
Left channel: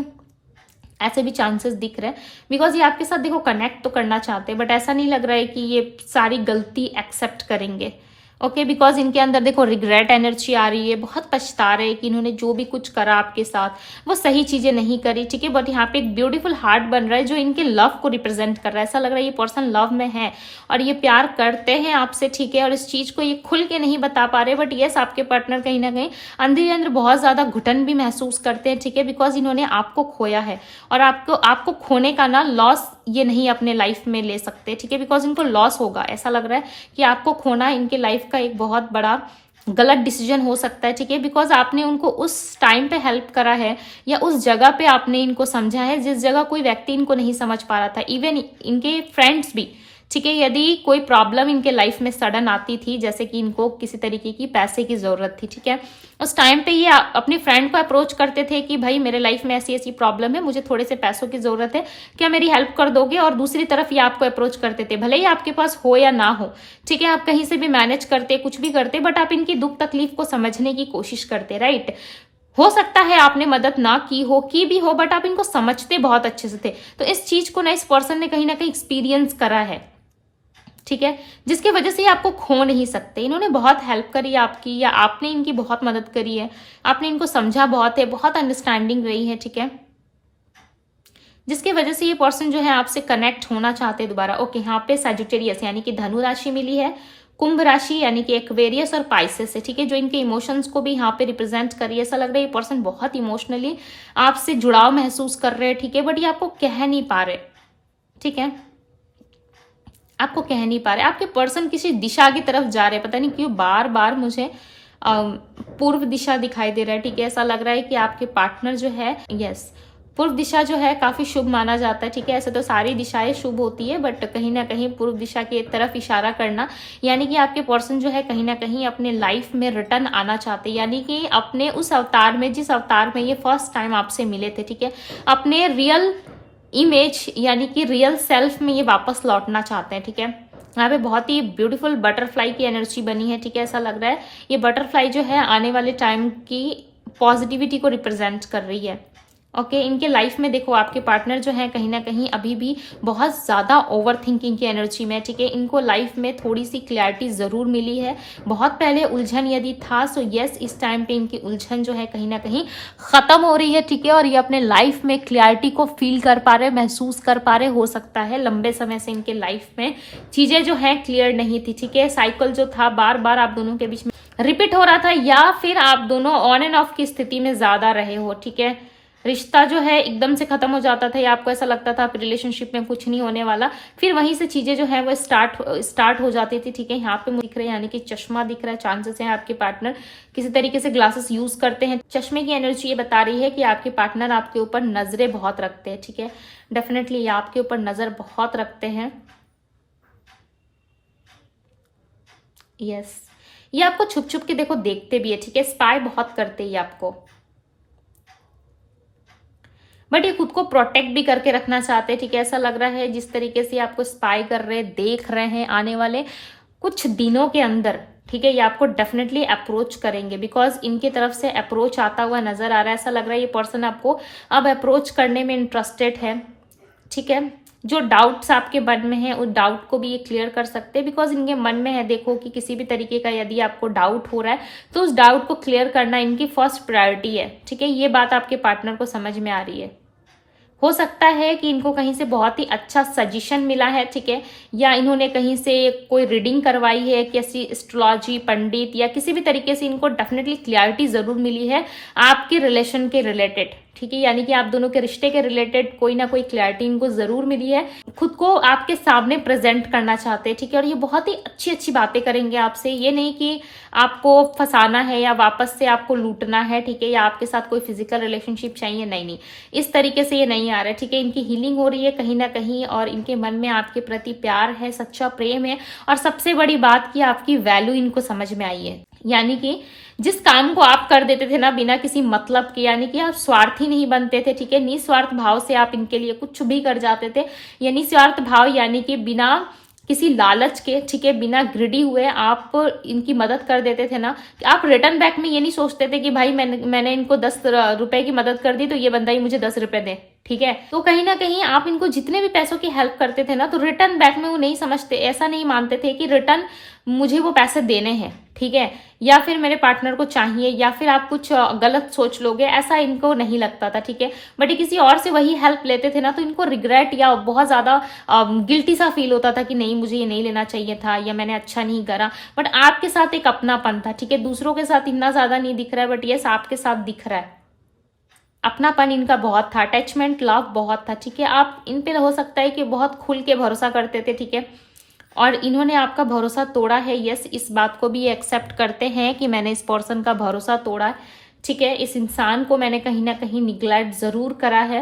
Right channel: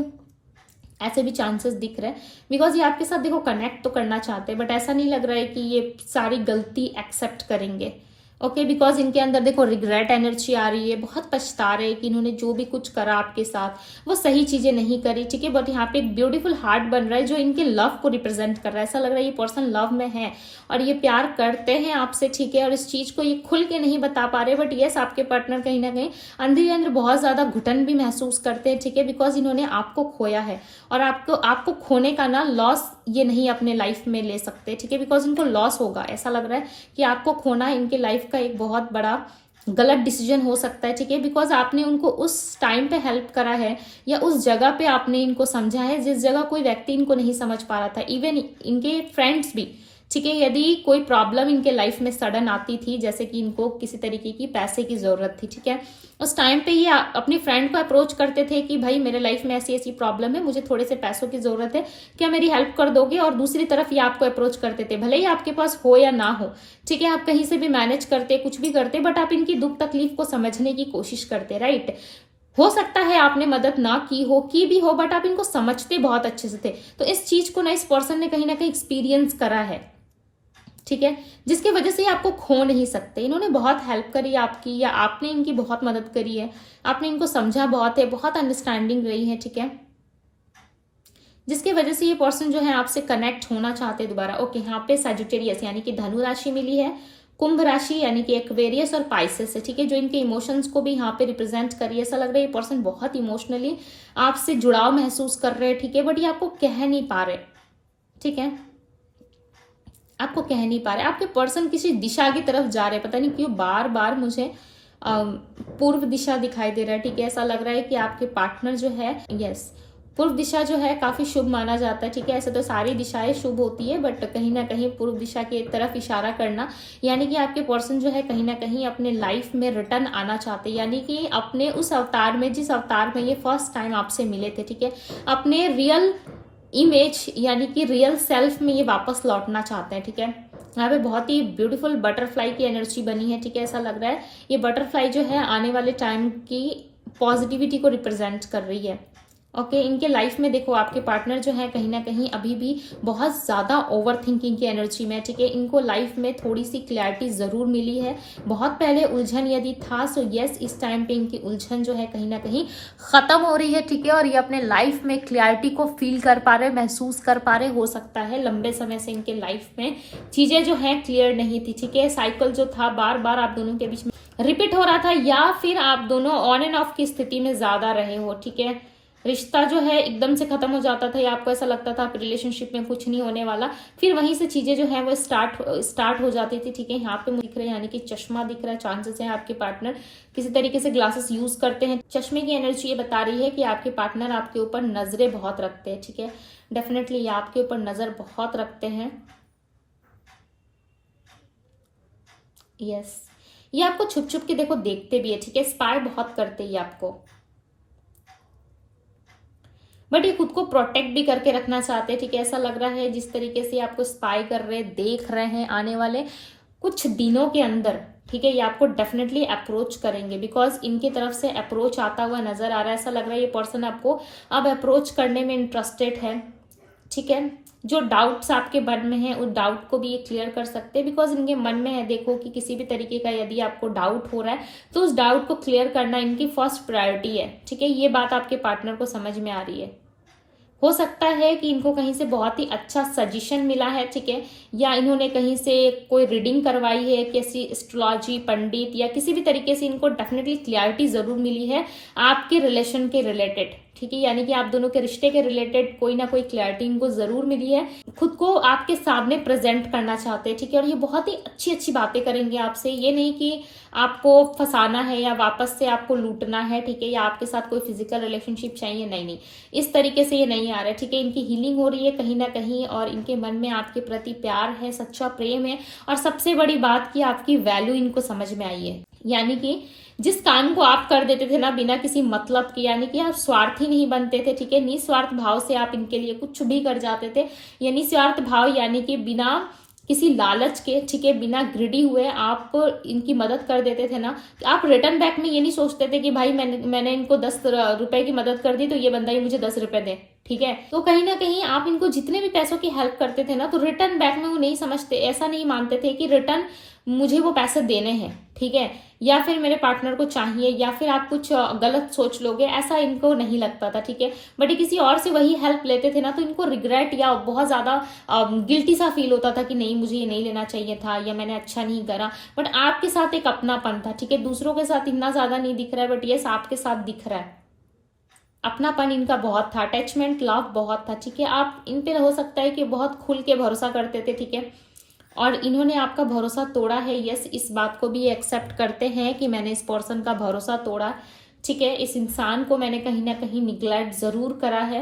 ऐसे भी चांसेस दिख रहे हैं। बिकॉज ये आपके साथ देखो कनेक्ट तो करना चाहते हैं, बट ऐसा नहीं लग रहा है कि ये सारी गलती एक्सेप्ट करेंगे। ओके, बिकॉज इनके अंदर देखो रिग्रेट एनर्जी आ रही है, बहुत पछता रहे कि इन्होंने जो भी कुछ करा आपके साथ वो सही चीजें नहीं करी। ठीक है, बट यहाँ पे एक ब्यूटीफुल हार्ट बन रहा है जो इनके लव को रिप्रेजेंट कर रहा है। ऐसा लग रहा है ये पर्सन लव में है और ये प्यार करते हैं आपसे। ठीक है, और इस चीज को ये खुल के नहीं बता पा रहे, बट यस आपके पार्टनर कहीं ना कहीं अंदर ही अंदर बहुत ज्यादा घुटन भी महसूस करते हैं। ठीक है, बिकॉज इन्होंने आपको खोया है और आपको खोने का ना लॉस ये नहीं अपने लाइफ में ले सकते। ठीक है, बिकॉज इनको लॉस होगा। ऐसा लग रहा है कि आपको खोना इनके लाइफ का एक बहुत बड़ा गलत डिसीजन हो सकता है। ठीक है, बिकॉज आपने उनको उस टाइम पे हेल्प करा है या उस जगह पे आपने इनको समझा है जिस जगह कोई व्यक्ति इनको नहीं समझ पा रहा था, इवन इनके फ्रेंड्स भी। ठीक है, यदि कोई प्रॉब्लम इनके लाइफ में सडन आती थी, जैसे कि इनको किसी तरीके की पैसे की जरूरत थी, ठीक है, उस टाइम पे ये अपनी फ्रेंड को अप्रोच करते थे कि भाई मेरे लाइफ में ऐसी ऐसी प्रॉब्लम है, मुझे थोड़े से पैसों की जरूरत है, क्या मेरी हेल्प कर दोगे? और दूसरी तरफ ये आपको अप्रोच करते थे, भले ही आपके पास हो या ना हो। ठीक है, आप कहीं से भी मैनेज करते, कुछ भी करते, बट आप इनकी दुख तकलीफ को समझने की कोशिश करते। राइट, हो सकता है आपने मदद ना की भी हो, बट आप इनको समझते बहुत अच्छे से थे। तो इस चीज को ना इस पर्सन ने कहीं ना कहीं एक्सपीरियंस करा है। ठीक है, जिसकी वजह से ये आपको खो नहीं सकते। इन्होंने बहुत हेल्प करी आपकी, या आपने इनकी बहुत मदद करी है, आपने इनको समझा बहुत है, बहुत अंडरस्टैंडिंग रही है। ठीक है, जिसकी वजह से ये पर्सन जो है आपसे कनेक्ट होना चाहते हैं दोबारा। ओके, यहाँ पे सजिटेरियस यानी कि धनु राशि मिली है, कुंभ राशि यानी कि एक्वेरियस और पाइसेस है। ठीक है, जो इनके इमोशंस को भी यहाँ पे रिप्रेजेंट करी है। ऐसा लग रहा है ये पर्सन बहुत इमोशनली आपसे जुड़ाव महसूस कर रहे हैं। ठीक है, बट ये आपको कह नहीं पा रहे। ठीक है, आपको कह नहीं पा रहे। आपके पर्सन किसी दिशा की तरफ जा रहे हैं, पता नहीं क्यों बार बार मुझे पूर्व दिशा दिखाई दे रहा है। ठीक है, ऐसा लग रहा है कि आपके पार्टनर जो है, यस, पूर्व दिशा जो है काफी शुभ माना जाता है। ठीक है, ऐसे तो सारी दिशाएं शुभ होती है, बट कहीं ना कहीं पूर्व दिशा की तरफ इशारा करना, यानी कि आपके पर्सन जो है कहीं ना कहीं अपने लाइफ में रिटर्न आना चाहते हैं, यानी कि अपने उस अवतार में, जिस अवतार में ये फर्स्ट टाइम आपसे मिले थे। ठीक है, अपने रियल इमेज यानी कि रियल सेल्फ में ये वापस लौटना चाहते हैं। ठीक है, यहाँ पे बहुत ही ब्यूटीफुल बटरफ्लाई की एनर्जी बनी है। ठीक है, ऐसा लग रहा है ये बटरफ्लाई जो है आने वाले टाइम की पॉजिटिविटी को रिप्रेजेंट कर रही है। ओके, इनके लाइफ में देखो आपके पार्टनर जो है कहीं ना कहीं अभी भी बहुत ज़्यादा ओवर थिंकिंग की एनर्जी में। ठीक है, इनको लाइफ में थोड़ी सी क्लैरिटी ज़रूर मिली है। बहुत पहले उलझन यदि था, सो यस इस टाइम पे इनकी उलझन जो है कहीं ना कहीं ख़त्म हो रही है। ठीक है, और ये अपने लाइफ में क्लैरिटी को फील कर पा रहे, महसूस कर पा रहे। हो सकता है लंबे समय से इनके लाइफ में चीज़ें जो है क्लियर नहीं थी। ठीक है, साइकिल जो था बार बार आप दोनों के बीच में रिपीट हो रहा था, या फिर आप दोनों ऑन एंड ऑफ की स्थिति में ज़्यादा रहे हो। ठीक है, रिश्ता जो है एकदम से खत्म हो जाता था, या आपको ऐसा लगता था आप रिलेशनशिप में कुछ नहीं होने वाला, फिर वहीं से चीजें जो है वो स्टार्ट हो जाती थी। ठीक है, यहाँ पे मुझे दिख रहा है यानी कि चश्मा दिख रहा है। चांसेस है आपके पार्टनर किसी तरीके से ग्लासेस यूज करते हैं। चश्मे की एनर्जी ये बता रही है कि आपके पार्टनर आपके ऊपर नजरें बहुत रखते हैं। ठीक है, डेफिनेटली ये आपके ऊपर नजर बहुत रखते हैं। यस, ये आपको छुप छुप के देखो देखते भी है। ठीक है, स्पाई बहुत करते हैं आपको, बट ये खुद को प्रोटेक्ट भी करके रखना चाहते हैं। ठीक है, ऐसा लग रहा है जिस तरीके से आपको स्पाई कर रहे हैं, देख रहे हैं, आने वाले कुछ दिनों के अंदर, ठीक है, ये आपको डेफिनेटली अप्रोच करेंगे, बिकॉज इनकी तरफ से अप्रोच आता हुआ नजर आ रहा है। ऐसा लग रहा है ये पर्सन आपको अब अप्रोच करने में इंटरेस्टेड है। ठीक है। जो डाउट्स आपके मन में है उस डाउट को भी ये क्लियर कर सकते हैं, बिकॉज इनके मन में है, देखो कि किसी भी तरीके का यदि आपको डाउट हो रहा है तो उस डाउट को क्लियर करना इनकी फर्स्ट प्रायोरिटी है, ठीक है। ये बात आपके पार्टनर को समझ में आ रही है। हो सकता है कि इनको कहीं से बहुत ही अच्छा सजेशन मिला है, ठीक है, या इन्होंने कहीं से कोई रीडिंग करवाई है, किसी एस्ट्रोलॉजी पंडित या किसी भी तरीके से इनको डेफिनेटली क्लैरिटी जरूर मिली है आपके रिलेशन के रिलेटेड, ठीक है। यानी कि आप दोनों के रिश्ते के रिलेटेड कोई ना कोई क्लैरिटी इनको जरूर मिली है। खुद को आपके सामने प्रेजेंट करना चाहते हैं, ठीक है, और ये बहुत ही अच्छी अच्छी बातें करेंगे आपसे। ये नहीं कि आपको फंसाना है या वापस से आपको लूटना है, ठीक है, या आपके साथ कोई फिजिकल रिलेशनशिप चाहिए, नहीं, इस तरीके से ये नहीं आ रहा है, ठीक है। इनकी हीलिंग हो रही है कहीं ना कहीं, और इनके मन में आपके प्रति प्यार है, सच्चा प्रेम है, और सबसे बड़ी बात कि आपकी वैल्यू इनको समझ में आई है। यानी कि जिस काम को आप कर देते थे ना बिना किसी मतलब के, यानी कि आप स्वार्थी नहीं बनते थे, ठीक है, निस्वार्थ भाव से आप इनके लिए कुछ भी कर जाते थे। ये निस्वार्थ भाव यानी कि बिना किसी लालच के, ठीक है, बिना ग्रिडी हुए आप इनकी मदद कर देते थे ना, कि आप रिटर्न बैक में ये नहीं सोचते थे कि भाई मैंने इनको 10 रुपए की मदद कर दी तो ये बंदा ही मुझे 10 रुपए दे, ठीक है। तो कहीं ना कहीं आप इनको जितने भी पैसों की हेल्प करते थे ना, तो रिटर्न बैक में वो नहीं समझते, ऐसा नहीं मानते थे कि रिटर्न मुझे वो पैसे देने हैं, ठीक है, या फिर मेरे पार्टनर को चाहिए, या फिर आप कुछ गलत सोच लोगे, ऐसा इनको नहीं लगता था, ठीक है। बट ये किसी और से वही हेल्प लेते थे ना, तो इनको रिग्रेट या बहुत ज्यादा गिल्टी सा फील होता था कि नहीं मुझे ये नहीं लेना चाहिए था, या मैंने अच्छा नहीं करा। बट आपके साथ एक अपनापन था, ठीक है, दूसरों के साथ इतना ज्यादा नहीं दिख रहा है, बट यस आपके साथ दिख रहा है। अपनापन इनका बहुत था, अटैचमेंट लव बहुत था, ठीक है। आप इन पे हो सकता है कि बहुत खुल के भरोसा करते थे, ठीक है, और इन्होंने आपका भरोसा तोड़ा है। यस, इस बात को भी एक्सेप्ट करते हैं कि मैंने इस पर्सन का भरोसा तोड़ा है, ठीक है, इस इंसान को मैंने कहीं ना कहीं निग्लेक्ट जरूर करा है,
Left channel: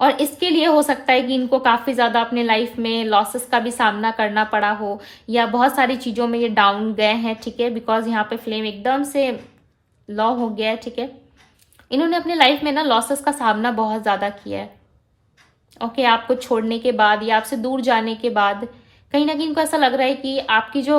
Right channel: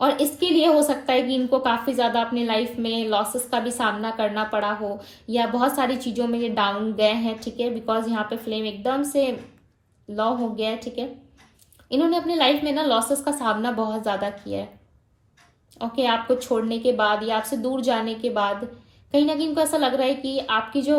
और इसके लिए हो सकता है कि इनको काफी ज्यादा अपने लाइफ में लॉसेस का भी सामना करना पड़ा हो, या बहुत सारी चीजों में ये डाउन गए हैं, ठीक है, बिकॉज यहाँ पे फ्लेम एकदम से लॉ हो गया है, ठीक है। इन्होंने अपनी लाइफ में ना लॉसेस का सामना बहुत ज्यादा किया है, ओके, आपको छोड़ने के बाद या आपसे दूर जाने के बाद कहीं ना कहीं इनको ऐसा लग रहा है कि आपकी जो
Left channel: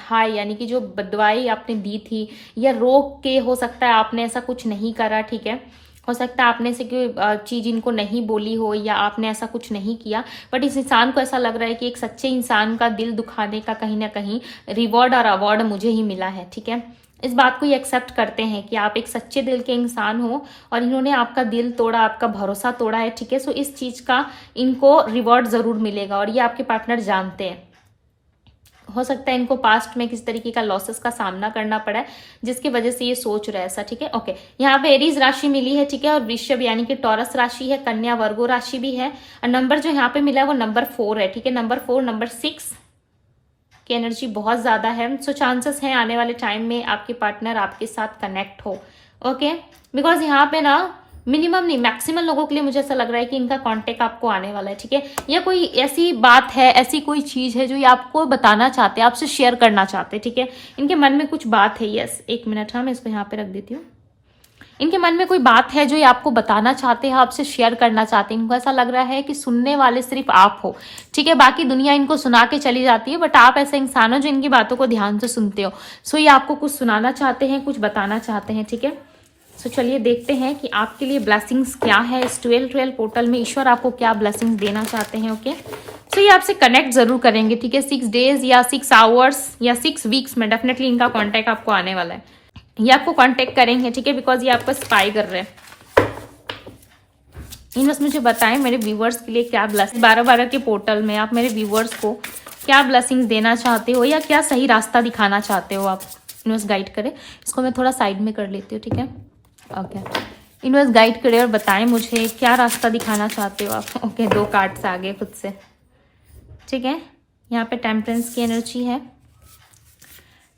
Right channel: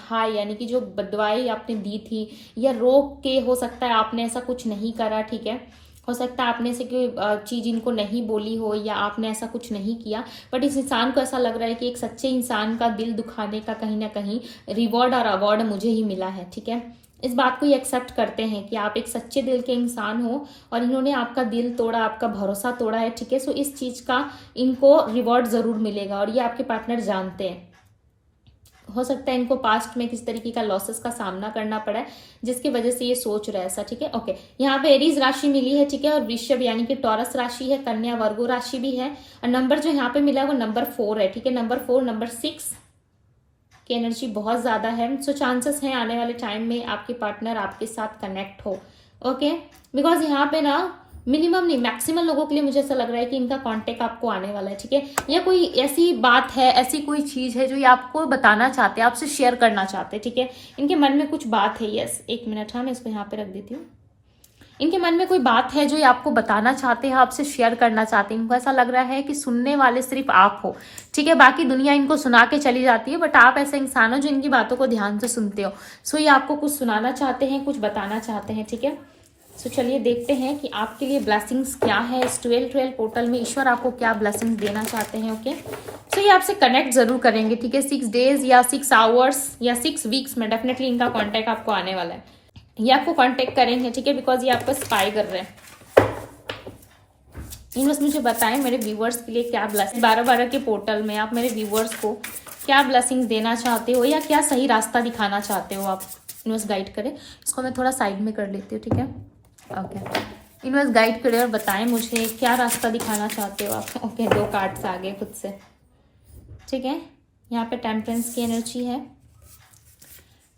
हाय यानी कि जो बदवाई आपने दी थी, या रोक के हो सकता है आपने ऐसा कुछ नहीं करा, ठीक है, हो सकता है आपने से कोई चीज इनको नहीं बोली हो, या आपने ऐसा कुछ नहीं किया, बट इस इंसान को ऐसा लग रहा है कि एक सच्चे इंसान का दिल दुखाने का कहीं ना कहीं रिवॉर्ड और अवार्ड मुझे ही मिला है, ठीक है। इस बात को ये एक्सेप्ट करते हैं कि आप एक सच्चे दिल के इंसान हो, और इन्होंने आपका दिल तोड़ा, आपका भरोसा तोड़ा है, ठीक है। सो इस चीज का इनको रिवॉर्ड जरूर मिलेगा, और ये आपके पार्टनर जानते हैं। हो सकता है इनको पास्ट में किसी तरीके का लॉसेस का सामना करना पड़ा है, जिसकी वजह से ये सोच रहा है ऐसा, ठीक है। ओके, यहाँ पे एरीज राशि मिली है, ठीक है, और वृषभ यानी कि टॉरस राशि है, कन्या वर्गो राशि भी है, और नंबर जो यहाँ पे मिला है वो नंबर 4 है, ठीक है। नंबर 4 नंबर 6 की एनर्जी बहुत ज्यादा है। सो चांसेस हैं आने वाले टाइम में आपके पार्टनर आपके साथ कनेक्ट हो, ओके, बिकॉज यहाँ पे ना मिनिमम नहीं मैक्सिमम लोगों के लिए मुझे ऐसा लग रहा है कि इनका कांटेक्ट आपको आने वाला है, ठीक है। या कोई ऐसी बात है, ऐसी कोई चीज है जो ये आपको बताना चाहते हैं, आपसे शेयर करना चाहते हैं, ठीक है। इनके मन में कुछ बात है, यस, एक मिनट, हाँ मैं इसको यहाँ पे रख देती हूँ। इनके मन में कोई बात है जो ये आपको बताना चाहते हैं, आपसे शेयर करना चाहते हैं। इनको ऐसा लग रहा है कि सुनने वाले सिर्फ आप हो, ठीक है, बाकी दुनिया इनको सुना के चली जाती है, बट आप ऐसे इंसान हो जो इनकी बातों को ध्यान से सुनते हो। सो ये आपको कुछ सुनाना चाहते हैं, कुछ बताना चाहते हैं, ठीक है। सो चलिए देखते हैं कि आपके लिए ब्लेसिंग्स क्या है इस 12 पोर्टल में, ईश्वर आपको क्या ब्लेसिंग्स देना चाहते हैं, ओके। सो ये आपसे कनेक्ट जरूर करेंगे, ठीक है, 6 डेज या 6 आवर्स या 6 वीक्स में डेफिनेटली इनका कॉन्टैक्ट आपको आने वाला है। ये आपको कांटेक्ट करेंगे, ठीक है, बिकॉज ये आपका स्पाई कर रहे हैं। इन्होंने मुझे बताएं मेरे व्यूवर्स के लिए क्या ब्लेसिंग 12 के पोर्टल में आप मेरे व्यूवर्स को क्या ब्लेसिंग्स देना चाहते हो, या क्या सही रास्ता दिखाना चाहते हो आप। इन्वेस्ट गाइड करें, इसको मैं थोड़ा साइड में कर लेती हूँ, ठीक है, ओके। इन्वेस्ट गाइड करें और बताएं मुझे क्या रास्ता दिखाना चाहते हो आप, ओके। 2 कार्ड्स आ गए खुद से, ठीक है। यहाँ पे टेम्परेंस की एनर्जी है,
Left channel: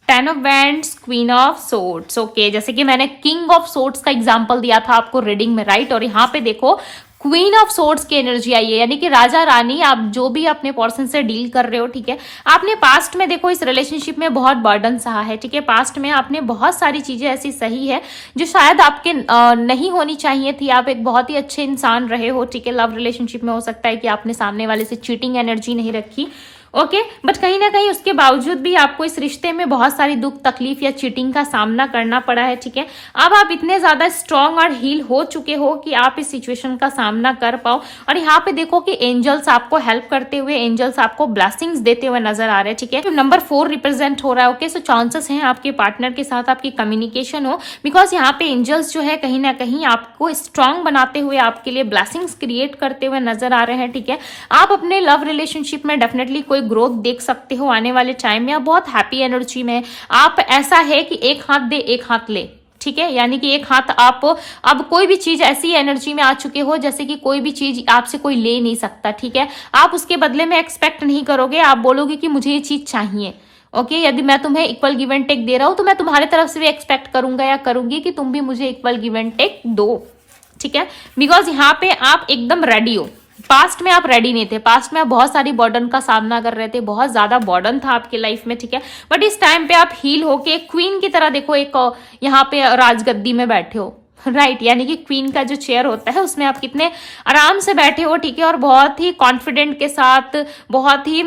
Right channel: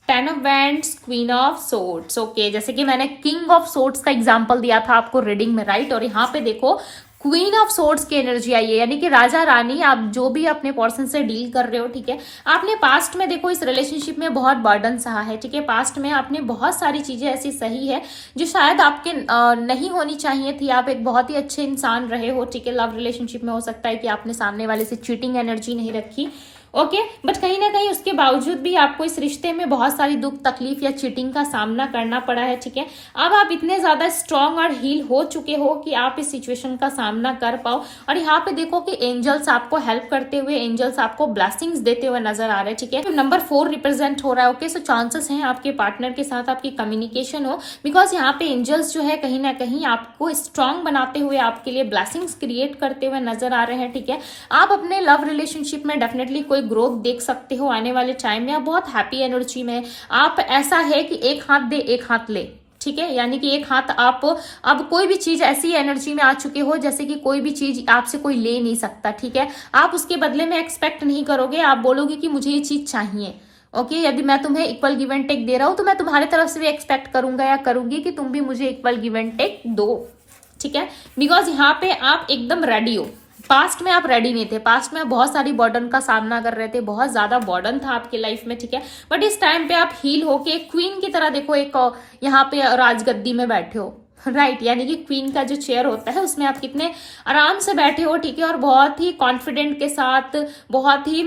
10 of wands, queen of swords, okay. जैसे कि मैंने किंग ऑफ सोर्ड्स का एग्जांपल दिया था आपको रीडिंग में, राइट, और यहाँ पे देखो क्वीन ऑफ सोर्ड्स की एनर्जी आई है, यानी कि राजा रानी, आप जो भी अपने पर्सन से डील कर रहे हो, ठीक है, आपने पास्ट में देखो इस रिलेशनशिप में बहुत बर्डन सहा है, ठीक है। पास्ट में आपने बहुत सारी चीजें ऐसी सही है जो शायद आपके नहीं होनी चाहिए थी। आप एक बहुत ही अच्छे इंसान रहे हो, ठीक है, लव रिलेशनशिप में हो सकता है कि आपने सामने वाले से चीटिंग एनर्जी नहीं रखी, ओके, बट कहीं ना कहीं उसके बावजूद भी आपको इस रिश्ते में बहुत सारी दुख तकलीफ या चीटिंग का सामना करना पड़ा है, ठीक है। अब आप इतने ज्यादा स्ट्रांग और हील हो चुके हो कि आप इस सिचुएशन का सामना कर पाओ। और यहाँ पे देखो कि एंजल्स आपको हेल्प करते हुए, एंजल्स आपको ब्लेसिंग्स देते हुए नजर आ रहे हैं, ठीक है। नंबर 4 रिप्रेजेंट हो रहा है। ओके, सो चांसेस हैं आपके पार्टनर के साथ आपकी कम्युनिकेशन हो, बिकॉज यहाँ पे एंजल्स जो है कहीं ना कहीं आपको स्ट्रांग बनाते हुए, आपके लिए ब्लेसिंग्स क्रिएट करते हुए नजर आ रहे हैं, ठीक है। आप अपने लव रिलेशनशिप में डेफिनेटली कोई ग्रोथ देख सकते हो आने वाले टाइम में। बहुत हैप्पी एनर्जी में आप, ऐसा है कि एक हाथ दे एक हाथ ले, ठीक है। यानी कि एक हाथ आप, अब कोई भी चीज ऐसी एनर्जी में आ चुके हो जैसे कि कोई भी चीज आपसे कोई ले नहीं सकता, ठीक है। आप उसके बदले में एक्सपेक्ट नहीं करोगे, आप बोलोगे कि मुझे ये चीज चाहिए। ओके, यदि मैं तुम्हें इक्वल गिव एंड टेक दे रहा हूं तो मैं तुम्हारी तरफ से भी एक्सपेक्ट करूंगा या करूंगी कि तुम भी मुझे इक्वल गिव एंड टेक दो, ठीक है। बिकॉज यहाँ पे आप एकदम रेडी हो। पास्ट में आप रेडी नहीं थे, पास्ट में आप बहुत सारी बर्डन का सामना कर रहे थे, बहुत ज्यादा बर्डन था आपकी लाइफ में, ठीक है। बट इस टाइम पे आप हील होके एक क्वीन की तरह, देखो एक यहाँ पे राजगद्दी में बैठे हो, राइट। यानी कि क्वीन का जो चेयर होता है उसमें आप कितने आराम से बैठे हो, ठीक है। और बहुत ही कॉन्फिडेंट के साथ, बहुत ही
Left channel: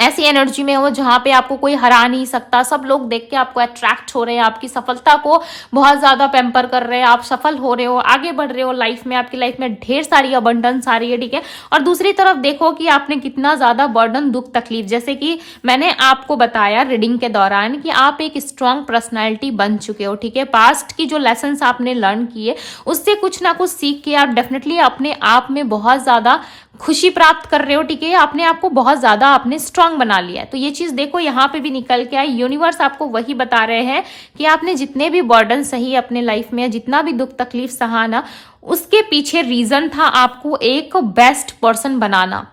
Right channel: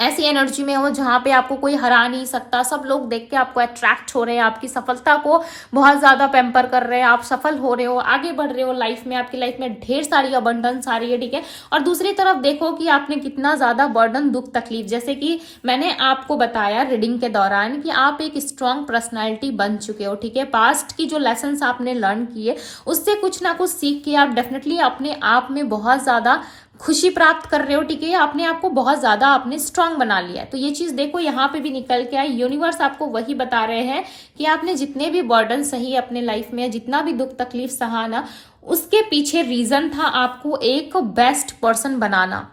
ऐसी एनर्जी में हो जहां पे आपको कोई हरा नहीं सकता। सब लोग देख के आपको अट्रैक्ट हो रहे हैं, आपकी सफलता को बहुत ज्यादा पैम्पर कर रहे हैं, आप सफल हो रहे हो, आगे बढ़ रहे हो लाइफ में, आपकी लाइफ में ढेर सारी अबंडेंस आ रही है, ठीक है। और दूसरी तरफ देखो कि आपने कितना ज्यादा बर्डन, दुख तकलीफ, जैसे कि मैंने आपको बताया रीडिंग के दौरान कि आप एक स्ट्रांग पर्सनैलिटी बन चुके हो, ठीक है। पास्ट की जो लेसन आपने लर्न किए उससे कुछ ना कुछ सीख के आप डेफिनेटली अपने आप में बहुत ज्यादा खुशी प्राप्त कर रहे हो, ठीक है। अपने आप को बहुत ज्यादा आपने स्ट्रांग बना लिया है। तो ये चीज देखो यहाँ पे भी निकल के आई। यूनिवर्स आपको वही बता रहे हैं कि आपने जितने भी बर्डन सही अपने लाइफ में, जितना भी दुख तकलीफ सहा ना, उसके पीछे रीजन था आपको एक बेस्ट पर्सन बनाना,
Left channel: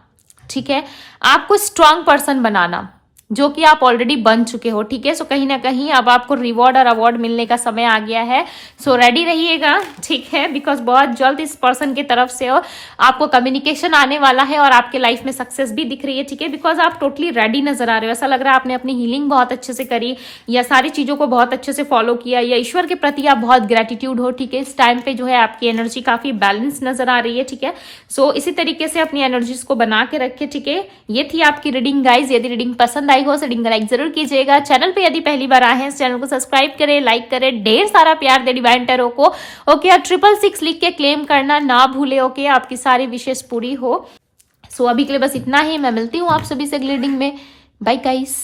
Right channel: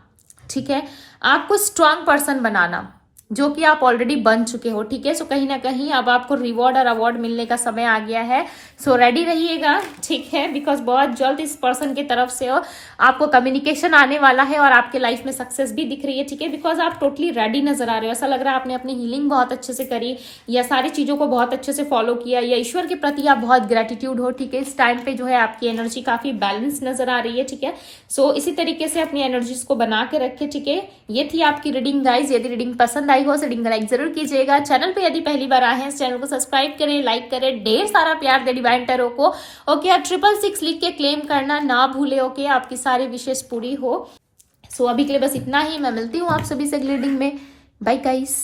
ठीक है। आपको स्ट्रांग पर्सन बनाना, जो कि आप ऑलरेडी बन चुके हो, ठीक है। सो कहीं ना कहीं अब आपको रिवॉर्ड और अवार्ड मिलने का समय आ गया है। सो रेडी रहिएगा, ठीक है, बिकॉज बहुत जल्द इस पर्सन की तरफ से आपको कम्युनिकेशन आने वाला है और आपके लाइफ में सक्सेस भी दिख रही है, ठीक है। बिकॉज आप टोटली रेडी नजर आ रहे हो। ऐसा लग रहा है आपने अपनी हीलिंग बहुत अच्छे से करी, या सारी चीजों को बहुत अच्छे से फॉलो किया, या ईश्वर के प्रति आप बहुत ग्रेटिट्यूड हो, ठीक है। इस टाइम पे जो है आपकी एनर्जी काफी बैलेंस नजर आ रही है, ठीक है। सो इसी तरीके से अपनी एनर्जीज को बना के रखे, ठीक है। ये थी आपकी रीडिंग गाइज। यदि रीडिंग पसंद आई हो, रीडिंग लाइक जरूर कीजिएगा। चैनल पे यदि पहली बार आए हैं, इस चैनल को सब्सक्राइब करें, लाइक करें, ढेर सारा प्यार दे डिवाइन टैरो को, ओके। और 666 लिख के क्लेम करना ना भूले, ओके। आपकी सारी विशेष पूरी हो। सो अभी के लिए बस इतना ही। मैं मिलती हूँ आप सभी से अगली रीडिंग में। Bye guys.